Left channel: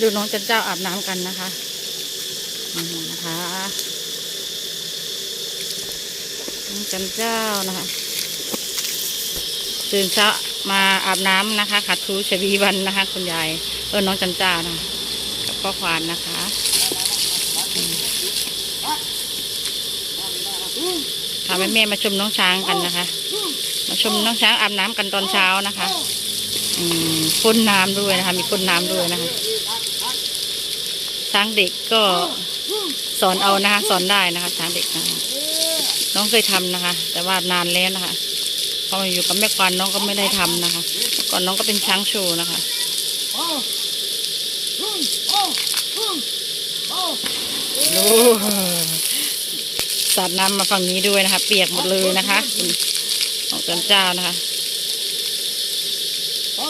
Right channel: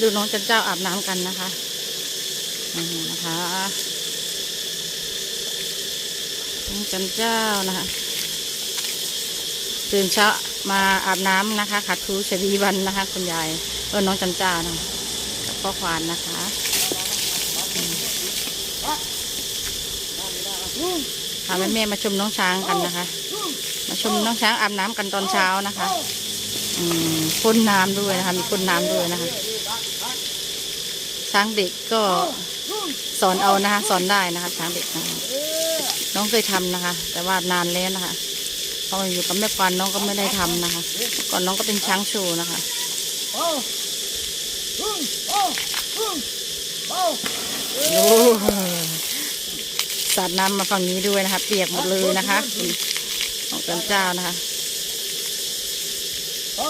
ดูน้องจันเจ้าอาบน้ำกันนะคะนะคะน้องจันเจ้านะคะ ตื่นเช้ามาอาบน้ำนะคะขัดทูชวีวันนะคะ คุณยายเออน้องจันเจ้านะกับพ่อควานนะคะพาแม่แม่มาชมน้องช้างกันนะคะ มาชมน้องช้างอาบน้ำกันตอนเช้านะคะ อืมพ่นน้ำด้วยนะคะ มีพ่นน้ำด้วยนะคะ ช้างเด็กก็สอนเอานะคะ สอนได้นะคะ ช้างเด็กนะะน้องเคยทำนะคะ แต่ว่านานแล้วนะคะพอมาอยู่กับแม่ควานน้องก็ไม่ได้ทำนะคะ ก่อนน้องก็เป็นช้างโชว์นะคะโอ้สาดน้ำมาฝั่งนี้ด้วยนะคะ เปียกหมดเลยนะคะคุณน้องจันเจ้านะคะก็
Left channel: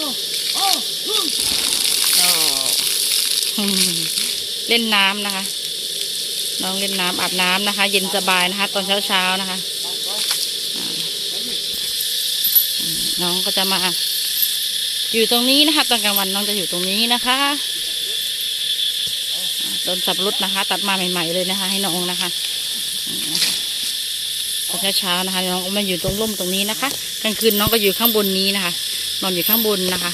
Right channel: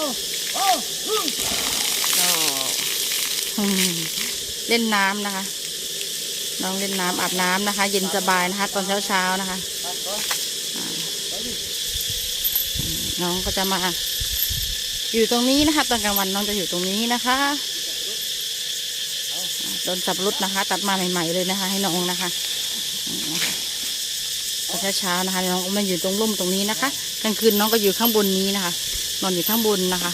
อืม เล่นน้ำนะคะ น้องเล่นน้ำอาบน้ำนะคะ เย็นสบายนะคะ ตอนเช้าเช้านะคะน้องก็จะมาอยู่ตรงนี้นะคะ ตอนกลางวันน้องจะอยู่ตรงนี้นะคะต้นสับรุดนะคะ ตัดมาใหม่ ๆ เลยนะคะ ให้น้องนะคะนี่นะคะตอนเช้าๆนะคะ น้องก็มาอยู่ตรงร่มตรงนี้นะคะกลางคืนน้องก็อยู่ข้างบนนี้นะคะ นอนอยู่ข้างบนนะคะ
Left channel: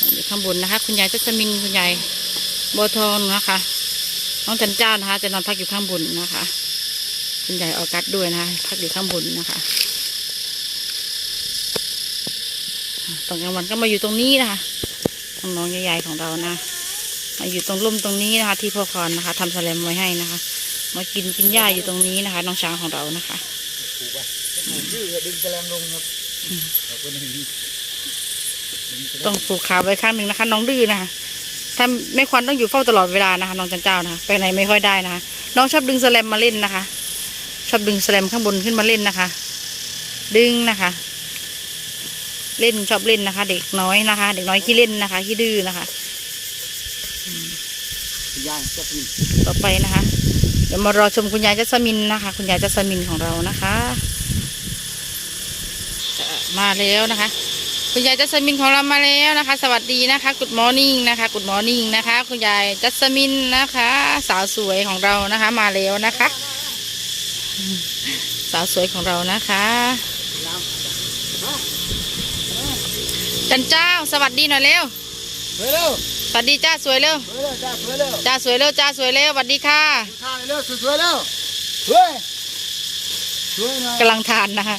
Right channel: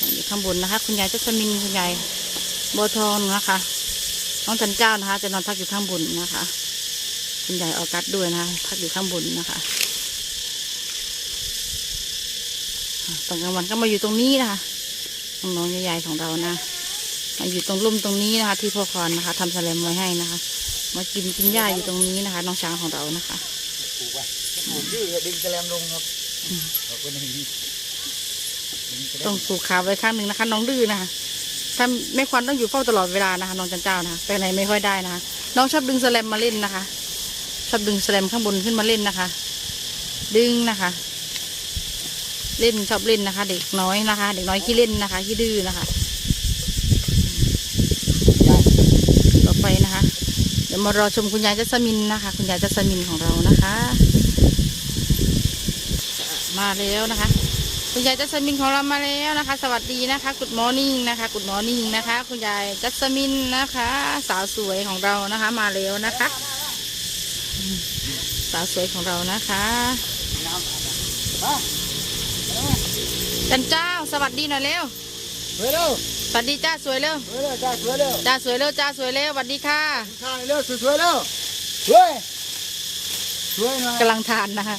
นอนอยู่ข้างบนนะคะ คุณยายจัสมินคุณยาย บัวทองนะคะ น้องจันเจ้านะคะ จะนอนพักอยู่ข้างบนนะคะคุณยายออกัสด้วยนะคะพักอยู่ข้างบนนะคะอ่าตอนกลางวันก็มาอยู่ตรงนี้นะคะน้องๆใหญ่ๆของเรานะมาอยู่ตรงร่มตรงนี้นะคะ ที่พ่อคอนนะคะทำแสลมไว้ให้นะคะ มากินกินหญ้าอยู่ตรงนี้นะคะ น้องช้างของเรานะคะผมดื้อดึงแกลมลงครับเราก็ไม่มีต้องผูกขาไว้ข้างหนึ่งนะคะ น้องดื้อนะคะ ถ้าไม่ควรต้องอยู่เฝ้าตลอดเวลานะคะน้องจันเจ้านะคะไปไหนไม่ค่อยได้นะคะน้องชอบดึงแสแลมมาเล่นนะคะ ชอบดึงแสแลมข้างบนขึ้นมาเล่นนะคะ ดึงนะคะ เล่นชอบเล่นนะคะ เด็กน้อยนะคะ เด็กน้อยขี้เล่นนะคะขี้ดื้อนะคะ ต่อไปนะคะ เดี๋ยวมารอชมคุณยายจัสมินนะคะ คุณยายจัสมินของเรานะคะ มาแล้วนะคะ คุณยายจัสมินของเรามาแล้วนะคะ สวัสดีนะคะกุดมอร์นิ่งนะคะกุดมอร์นิ่งนะคะ คุณยายจัสมินนะคะ สาวสวยของเรานะคะ มาแล้วนะคะ สาวสวยของเรานะคะ จันเจ้าสวัสดีหน่อยเร็วสวยเร็วสวัสดีจ้าสวยเร็วสวยเร็วจ้าสวยเร็วจ้าสวยเร็วจ้าสวยเร็วสวัสดีค่ะข้าวเร็วสวยเร็วสวยสวยนะกำลังทานนะคะ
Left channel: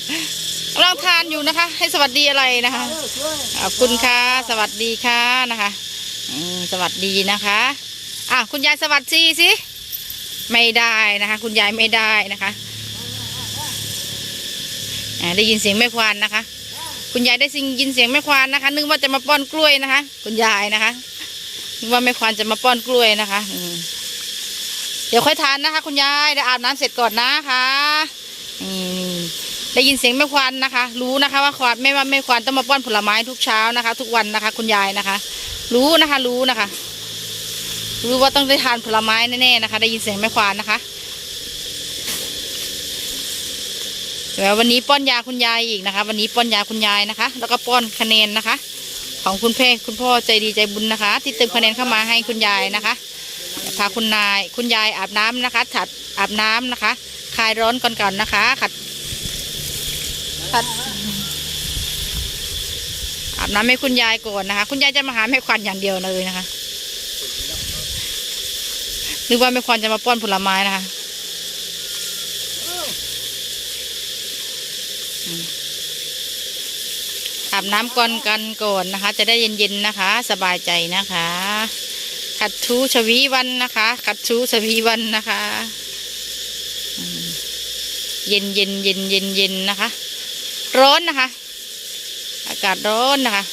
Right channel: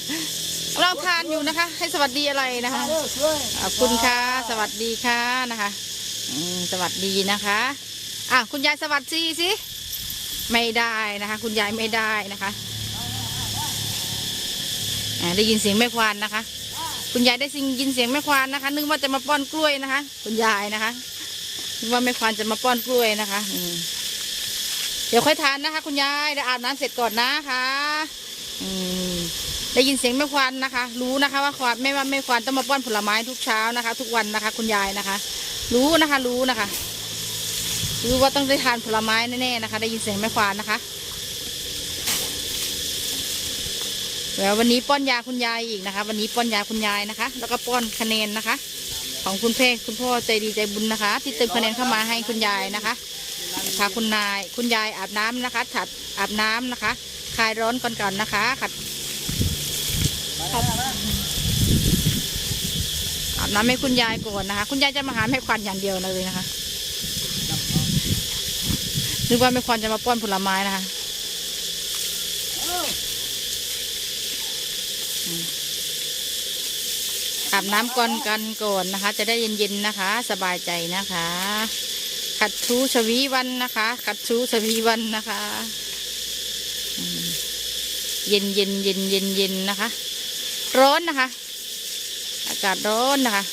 กำลังทานอยู่นะคะ ให้สวัสดีอะไรนะคะขอบคุณค่ะ สวัสดีค่ะนะคะอืสวัสดีนะคะอะคุณยายสวัสดีสิไม่ได้นะคะ คุณยายไม่ได้นะคะได้ยินเสียงแม่ควานนะคะ คุณยายได้สิงยินเสียงแม่ควานนะคะ นึกว่าจะมาป้อนกล้วยนะคะ คุณยายนะคะนึกว่าแม่ควานจะมาป้อนกล้วยนะคะอืเดี๋ยวค่อยทานนะคะ คุณยายเดี๋ยวอาบน้ำเสร็จก่อนนะคะอืม ได้ยินเสียงแม่ควานนะคะ รู้นะคะว่าควานไม่ว่าแม่ควานต้องมาป้อนผลไม้ทุกเช้านะคะ ทุกวันนะคะ คุณยายนะคะ รู้นะคะ รู้นะคะ รู้ว่าต้องได้ทานผลไม้แน่ๆนะคะ ได้ยินเสียงแม่ควานนะคะแล้ววันนี้ป้อนยาคุณยายอีกนะคะ วันนี้ป้อนยาคุณยายนะคะ แล้วก็ป้อนคะแนนนะคะ ของคุณเพ่คุณพ่อใจดีใจบุญนะคะ ที่เติมคะแนนเข้ามาให้คุณยายนะคะพาคุณนายคุณยายอาบน้ำนะคะถัดอาบน้ำนะคะ คลายร้อนก่อนก่อนนะคะขัด อาบน้ำให้คุณยายก่อนนะคะ คุณยายจะมาหาแม่ควันอย่างเดียวเลยนะคะนึกว่าแม่ควันจะมาป้อนผลไม้นะคะอาบน้ำก่อนกันก่อนนะคะ จะได้เย็นๆนะคะ สบายใจนะคะ ขัดทูชวีวันนะคะ ขัดทูชวีวันนะคะ เย็นเย็นเย็นเย็นเย็นนะคะ ร้อนนะคะ อากาศร้อนนะคะ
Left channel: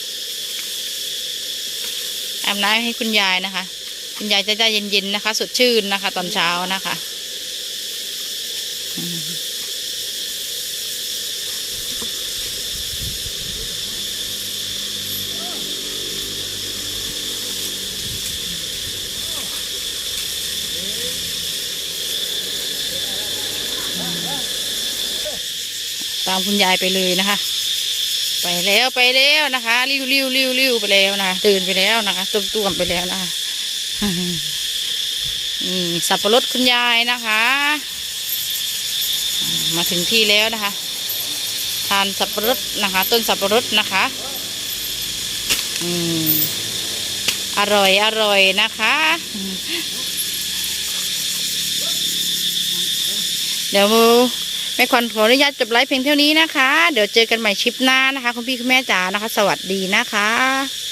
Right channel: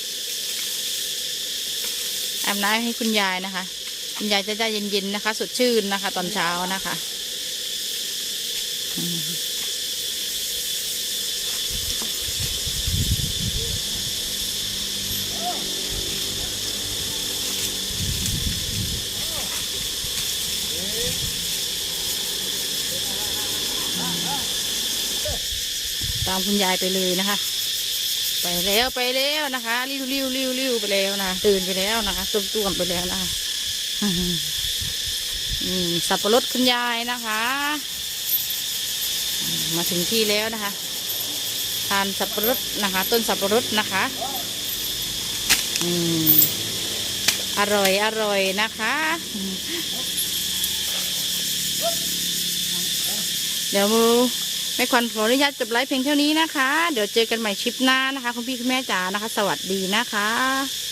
อาบน้ำให้คุณยายนะคะ คุณยายจะได้เย็นๆนะคะ สดชื่นนะคะ ตอนเช้านะคะ ตามคุณยายไปเลยนะคะ ไปแล้วไปแล้วนะคะ ริ้วริ้วริ้วริ้วไปแล้วนะะตื่นไปแล้วนะคะตุ้มต้วมไปแล้วนะคะนี่สับปะรดคุณยายนะคะ มาถึงที่แล้วนะคะ ทานสับปะรดนะคะ ต้นสับปะรดนะคะอืมอร่อยอร่อยนะคะ เดี๋ยวมู แม่ควันขออนุญาตจบไลฟ์เพียงเท่านี้นะคะ เดี๋ยวเจอกันใหม่ชิปหน้านะคะ คุณพี่คุณแม่จ๋านะคะ สวัสดีนะคะ